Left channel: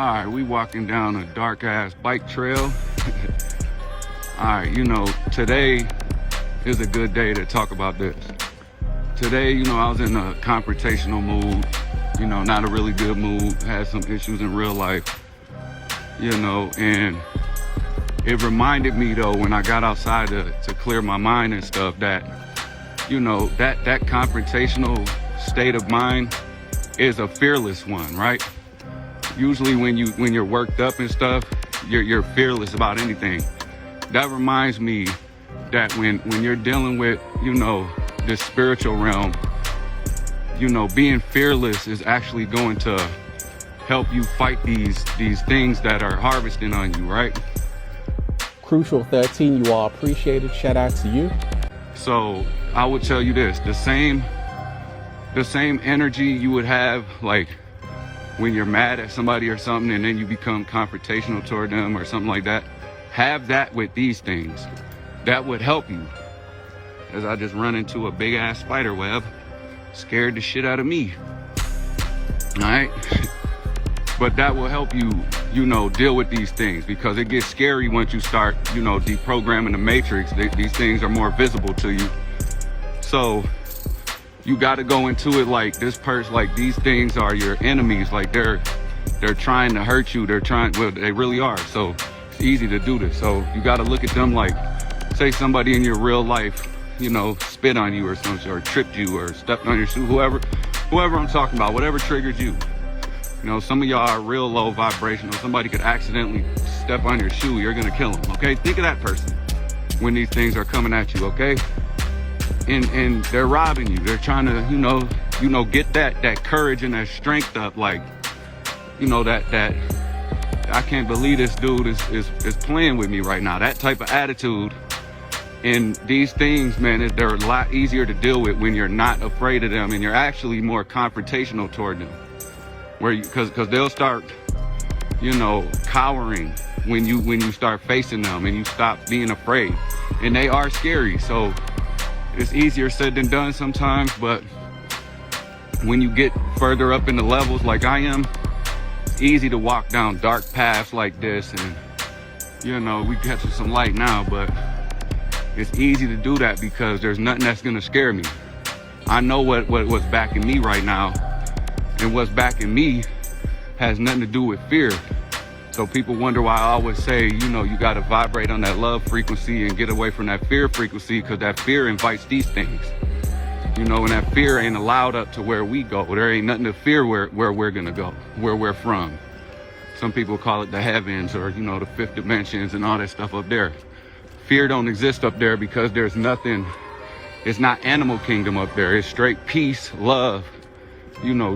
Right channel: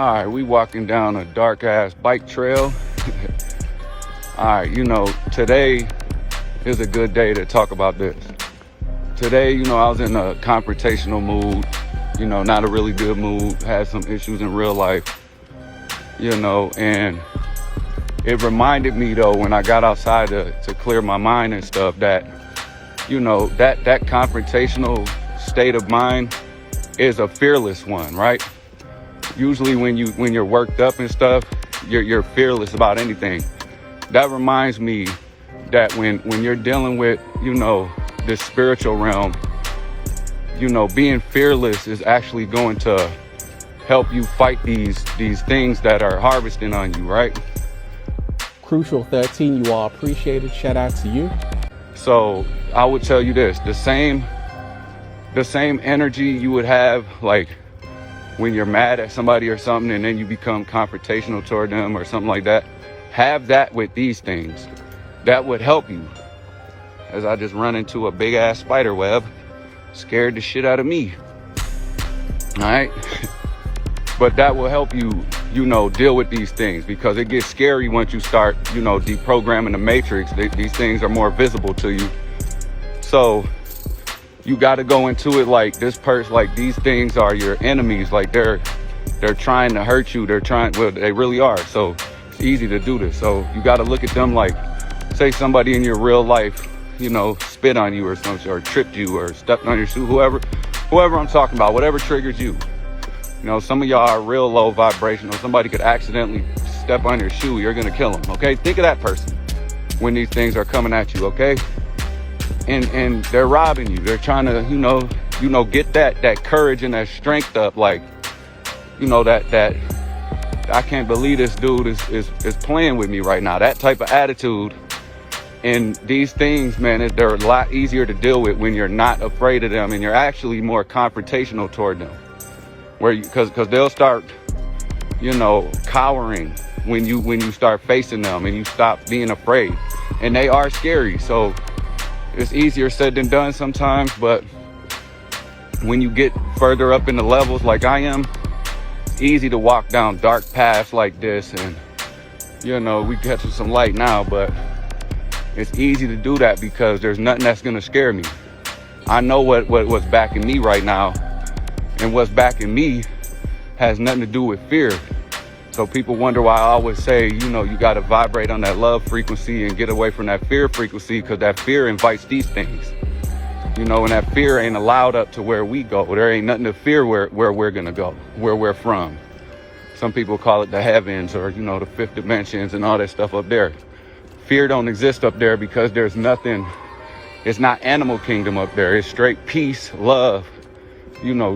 All right, we walking down a dark ass bike trail. All right, today is a good day to talk about this. Today, I was in a confrontational mood, not a really good mood, had some issues in real life, and it reminded me though, when I got outside to clear my mind and stuff, that, that confrontational state of mind is a fearless one, right? Usually when you're worked up and stuff, you're fearless about anything. That reminds me that when you're dealing with, the spiritual realm, being fearless is actually going to help you fight these things that are harvesting on you, right? Crucial 13, you all appreciate it. Shout out to you. So I would tell you this, the same energy you would have like when you're mad at somebody or something and then you become confrontational toward them or something like that, have that with these things. That would help you. As I just run into a big ass spider web, scared the shit out of me. All right? But that will help you, deal with these things, because it gets scary once you start, deprogramming the matrix. These things are more visible to you. So you got to go into it like this person, like these things are your enemies. Like they're trying to hurt you. Well, they really are. So it's easy to do this. So you got to look at them like, say somebody in your real life, spit on you or something, or tripped you or stepped on your shoe, whoever I'm talking about, whatever triggers you. Some of y'all are real low vibrational. Somebody could accidentally step on your shoe. You're going to kill them. Okay. Think of that person when these things are coming at you. Okay. And they're robbing you. They're trying to, get that courage and that strength up. Like, that I can't believe this dude is playing with me right now. That type of attitude. And these things, man, they're a lot easier to deal with when you're not afraid of them and you're actually more confrontational toward them. Because they'll start, cowering when you start facing them and you stop being afraid. And they are scary. So it's easier said than done sometimes, but when you get further up in the levels like I am, it's easy to walk down dark paths like this and, we get to some light now, but it's easy to do that because there's nothing that's going to scare me. I know what's backing me right now, and what's backing me has nothing to do with fear. So people wonder why I always say, you got to vibrate on that love frequency and get away from that fear frequency, because that fear invites these things. And that fear ain't allowed up to where we go. There ain't nothing to fear where we're going to go, where we're from. Some people call it the heavens or, the fifth dimensions and all that stuff up there. Fear don't exist up there because there's nothing. It's not animal kingdom up there. It's straight peace, love,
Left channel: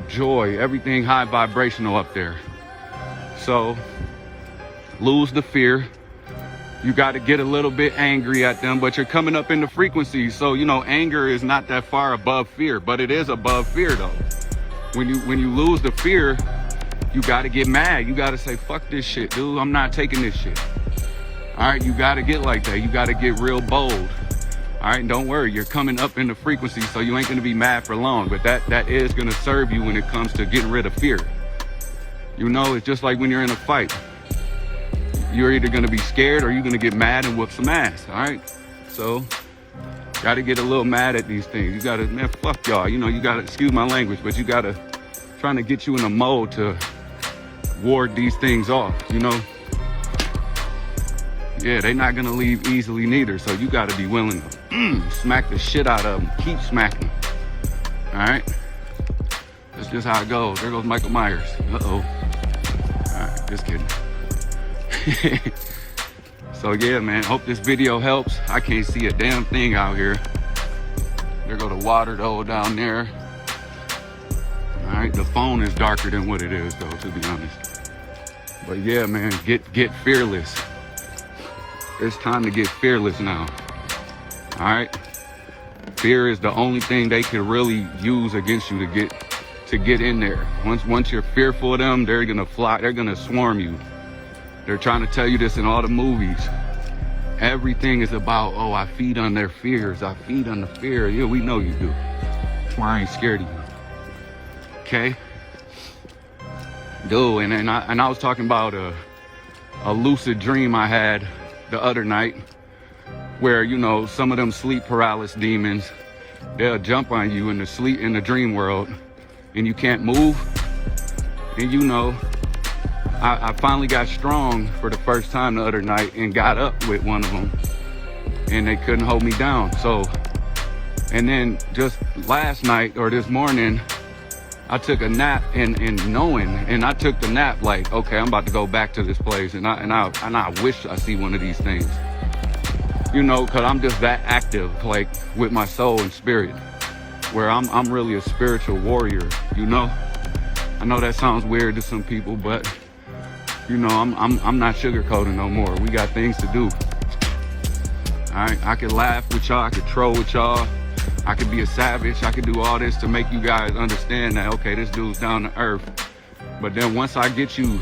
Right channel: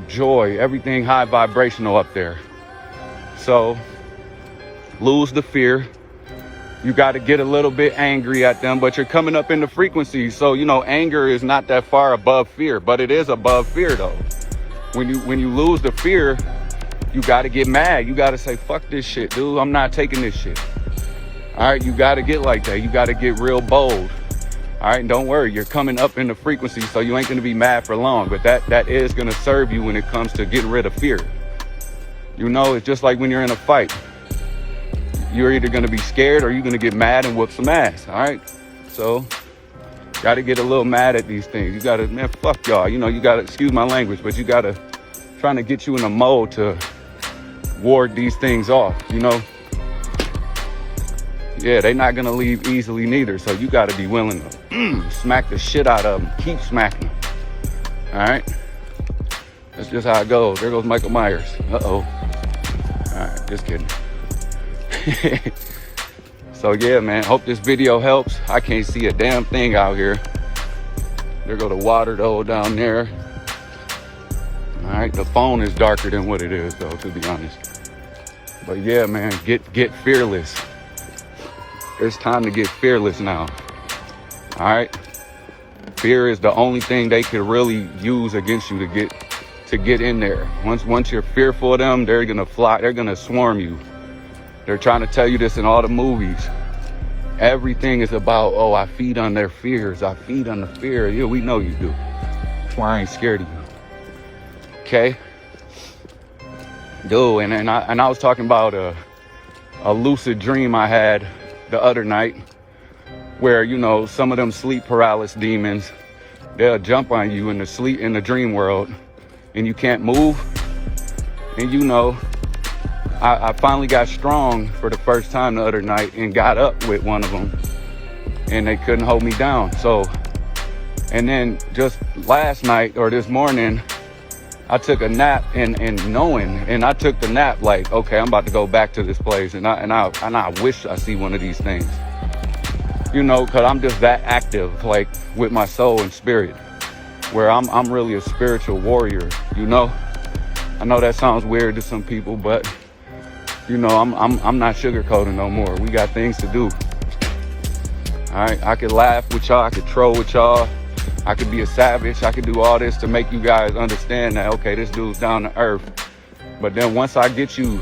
joy, everything high vibrational up there. So lose the fear. You got to get a little bit angry at them, but you're coming up in the frequency. So, anger is not that far above fear, but it is above fear though. When you lose the fear, you got to get mad. You got to say, fuck this shit, dude. I'm not taking this shit. All right. You got to get like that. You got to get real bold. All right. Don't worry. You're coming up in the frequency, so you ain't going to be mad for long, but that is going to serve you when it comes to getting rid of fear. It's just like when you're in a fight. You're either going to be scared or you're going to get mad and whoop some ass, all right? So, got to get a little mad at these things. You got to, man, fuck y'all. You got to, excuse my language, but you got to, trying to get you in a mode to ward these things off, Yeah, they're not going to leave easily neither, so you got to be willing to smack the shit out of them. Keep smacking, all right? That's just how it goes. There goes Michael Myers. Uh-oh. All right, just kidding. So yeah, man, hope this video helps. I can't see a damn thing out here. There go the water though down there. All right, the phone is darker than what it is though, to be honest. But yeah, man, get fearless. It's time to get fearless now. All right, fear is the only thing they can really use against you to get in there. Once you're fearful of them, they're gonna fly. They're gonna swarm you. They're trying to tell you this in all the movies. Everything is about, oh, I feed on their fears. I feed on the fear. Yeah, we know you do. That's why I ain't scared of you. Okay? Dude, and I was talking about a lucid dream I had the other night where, you know, some of them sleep paralysis demons, they'll jump on you in the dream world and you can't move. And you know, I finally got strong for the first time the other night and got up with one of them and they couldn't hold me down. So, and then just last night or this morning, I took a nap and I took the nap like, okay, I'm about to go back to this place and I wish I see one of these things, you know, cause I'm just that active, like with my soul and spirit, where I'm really a spiritual warrior, you know. I know that sounds weird to some people, but you know, I'm not sugarcoating no more. We got things to do. All right, I could laugh with y'all, I could troll with y'all, I could be a savage, I could do all this to make you guys understand that, okay, this dude's down to earth. But then once I get you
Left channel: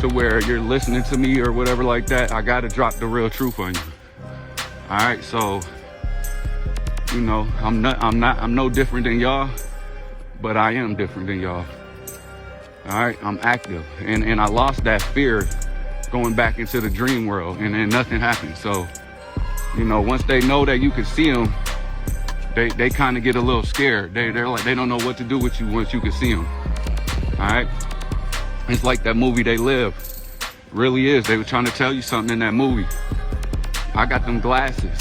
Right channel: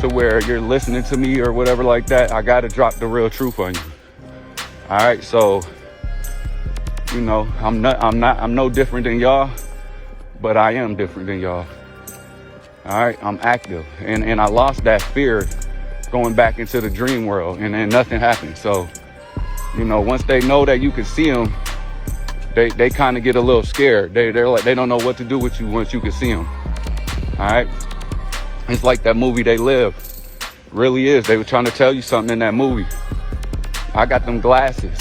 to where you're listening to me or whatever like that, I gotta drop the real truth on you. All right, so you know, I'm no different than y'all, but I am different than y'all. All right, I'm active, and I lost that fear going back into the dream world, and then nothing happened. So, you know, once they know that you can see them, they kind of get a little scared. They're like, they don't know what to do with you once you can see them. All right, it's like that movie They Live. It really is. They were trying to tell you something in that movie. I got them glasses.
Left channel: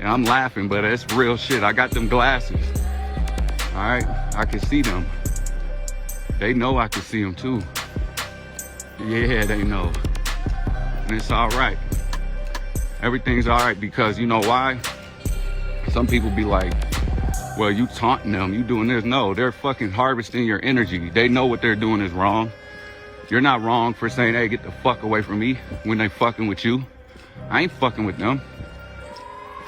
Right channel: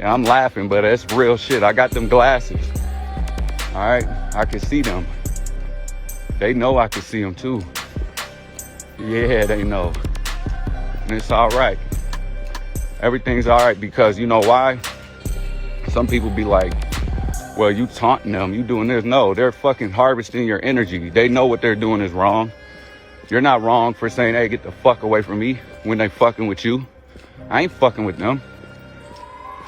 Yeah, I'm laughing, but it's real shit. I got them glasses. All right, I can see them. They know I can see them too. Yeah, they know. And it's all right. Everything's all right because you know why? Some people be like, well, you taunting them, you doing this. No, they're fucking harvesting your energy. They know what they're doing is wrong. You're not wrong for saying, hey, get the fuck away from me when they fucking with you. I ain't fucking with them.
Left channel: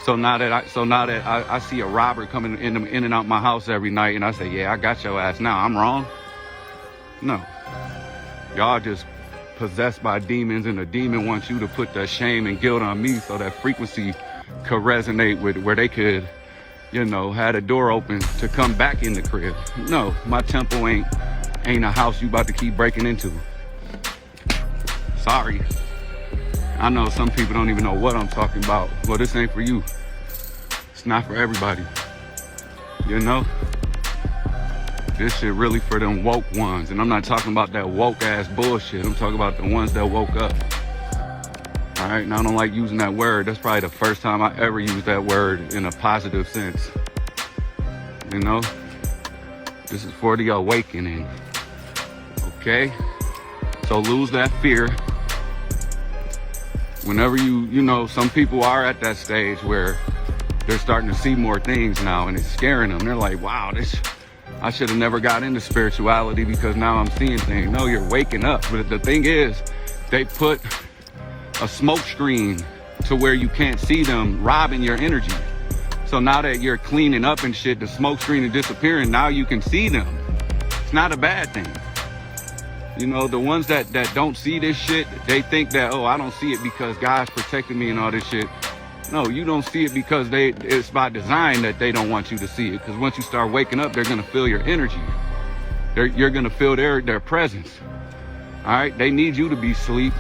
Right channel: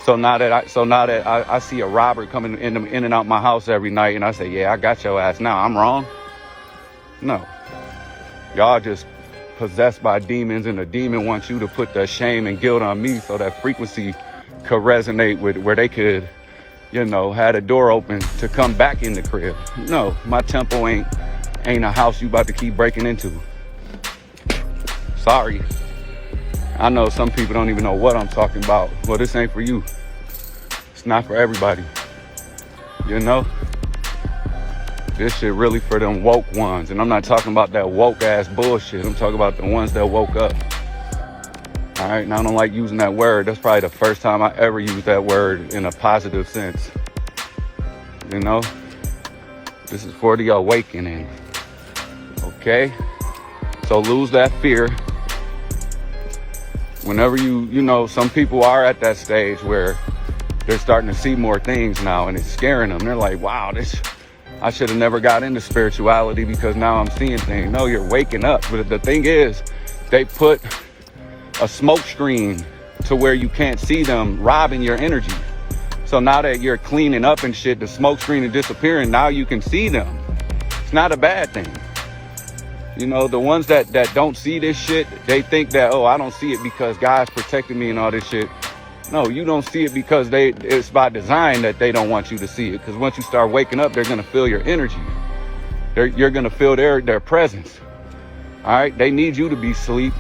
So now that I see a robber coming in and out my house every night and I say, yeah, I got your ass now, I'm wrong? No. Y'all just possessed by demons and the demon wants you to put that shame and guilt on me so that frequency could resonate with where they could, you know, have a door open to come back in the crib. No, my temple ain't a house you about to keep breaking into. Sorry. I know some people don't even know what I'm talking about. Well, this ain't for you. It's not for everybody. You know? This shit really for them woke ones. And I'm not talking about that woke ass bullshit. I'm talking about the ones that woke up. All right, now I don't like using that word. That's probably the first time I ever used that word in a positive sense. You know? This is for the awakening. Okay? So lose that fear. Whenever you know, some people are at that stage where they're starting to see more things now and it's scaring them. They're like, wow, I should have never got into spirituality because now I'm seeing things. No, you're waking up. But the thing is, they put a smoke screen to where you can't see them robbing your energy. So now that you're cleaning up and shit, the smoke screen is disappearing. Now you can see them. It's not a bad thing. You know, the ones that don't see this shit, they think that, oh, I don't see it because God's protecting me and all this shit. No, you don't see it because it's by design that they don't want you to see it. Because once you start waking up, they're going to feel your energy. You're going to feel their presence. All right? They need you to be asleep.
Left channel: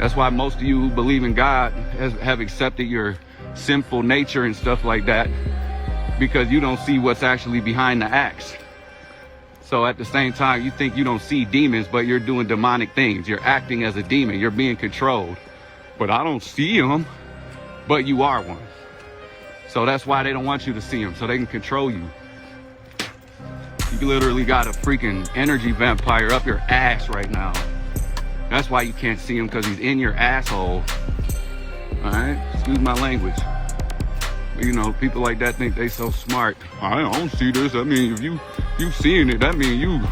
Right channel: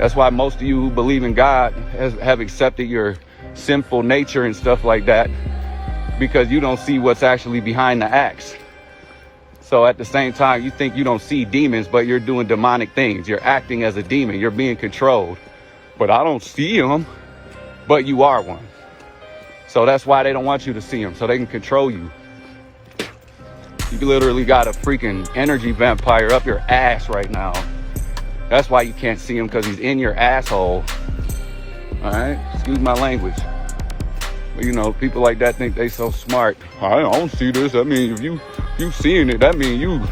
That's why most of you who believe in God have accepted your sinful nature and stuff like that, because you don't see what's actually behind the acts. So at the same time, you think you don't see demons, but you're doing demonic things. You're acting as a demon. You're being controlled. But I don't see them. But you are one. So that's why they don't want you to see them, so they can control you. You literally got a freaking energy vampire up your ass right now. That's why you can't see him, because he's in your asshole. All right? Excuse my language. You know, people like that think they so smart. I don't see this. I mean, if you seeing it, that means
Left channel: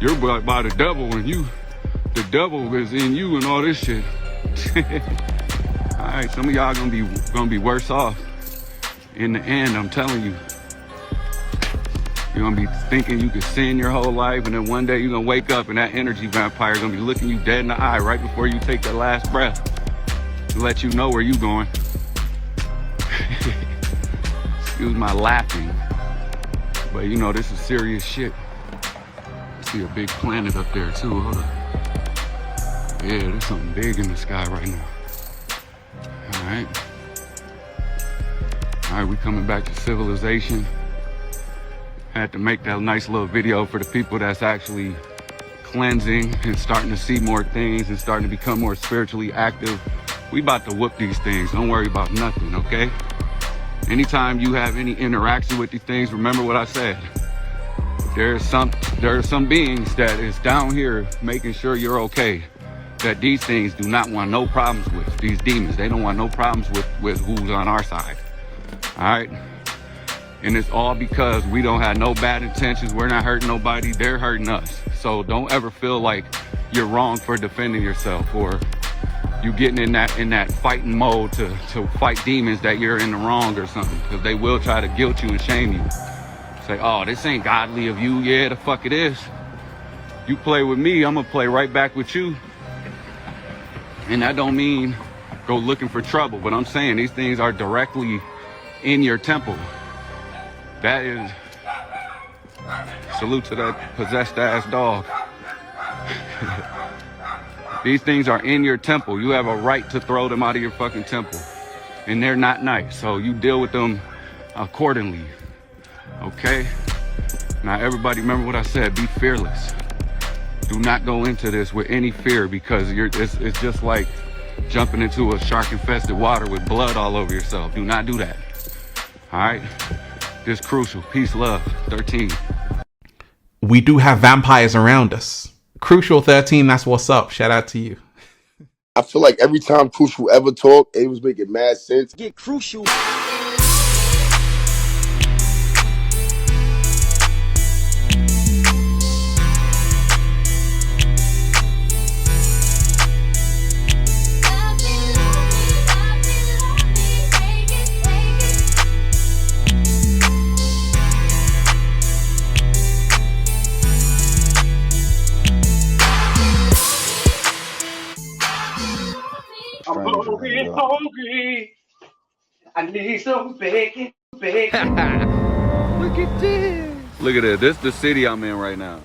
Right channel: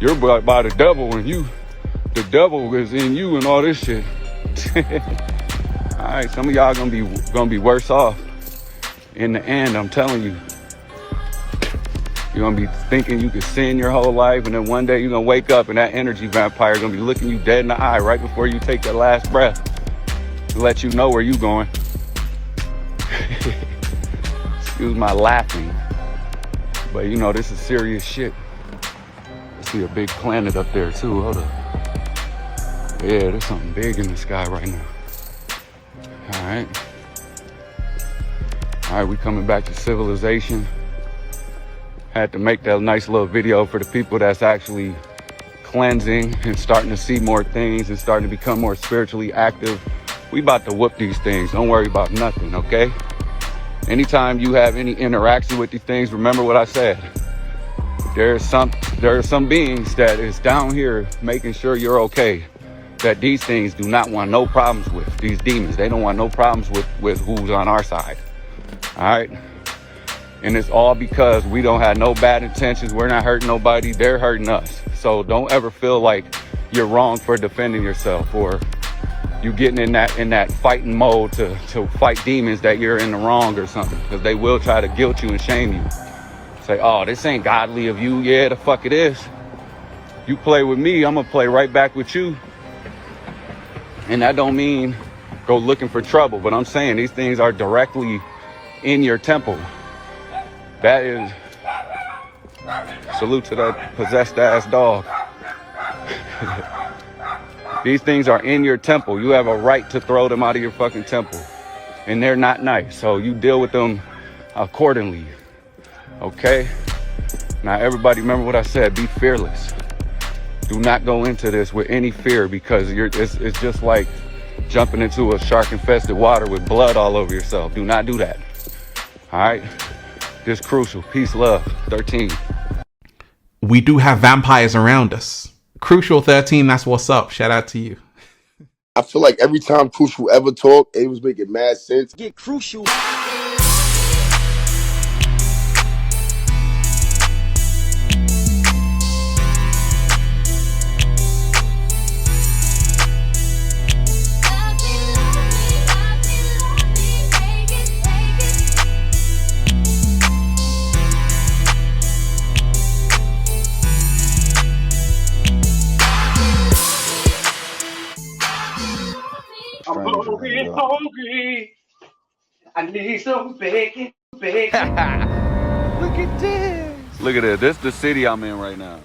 you're brought by the devil, and the devil is in you and all this shit. All right, some of y'all gonna be worse off in the end. I'm telling you. You're gonna be thinking you can sin your whole life, and then one day you're gonna wake up and that energy vampire is gonna be looking you dead in the eye right before you take that last breath to let you know where you're going. Excuse my laughing, but you know this is serious shit. See a big planet up there too. Hold on. Yeah, there's something big in the sky right now. Alright. Alright, we coming back to civilization. Had to make that nice little video for the people that's actually cleansing and starting to see more things and starting to become more spiritually active. We about to whoop these things. Don't worry about nothing, okay? Anytime you have any interaction with these things, remember what I said. There are some beings that is down here making sure you're okay. That these things do not want no problems with. These demons, they don't want no problems with who's on our side. All right? And it's all because we don't have no bad intentions. We're not hurting nobody. They're hurting us. So don't ever feel like you're wrong for defending yourself or you getting in that fighting mode to fight demons that you're in the wrong or something. Because they will try to guilt you and shame you. Say, oh, this ain't godly of you. Yeah, the fuck it is. You play with me, I'm gonna play right back with you. And that don't mean go looking for trouble, but I'm saying these things are directly in your temple. That is, salute to that possessed ass dog. These things are in your temple. You have a right to throw them out of your fucking temple. And they're not nice, so you deal with them accordingly. Okay? Now everybody remember what I said, be fearless. Do not go into this with any fear because it's just like jumping into a shark-infested water with blood all over yourself. Do not do that. All right? Just crucial. Peace, love. 13. We do have vampires around us. Crucial 13, that's what's up. Shout out to you. I feel like every time Crucial ever talked, it was making mad sense. Get Crucial. I'm hungry. I need some bacon. Look at this. Look at it. This is the city I'm in right now.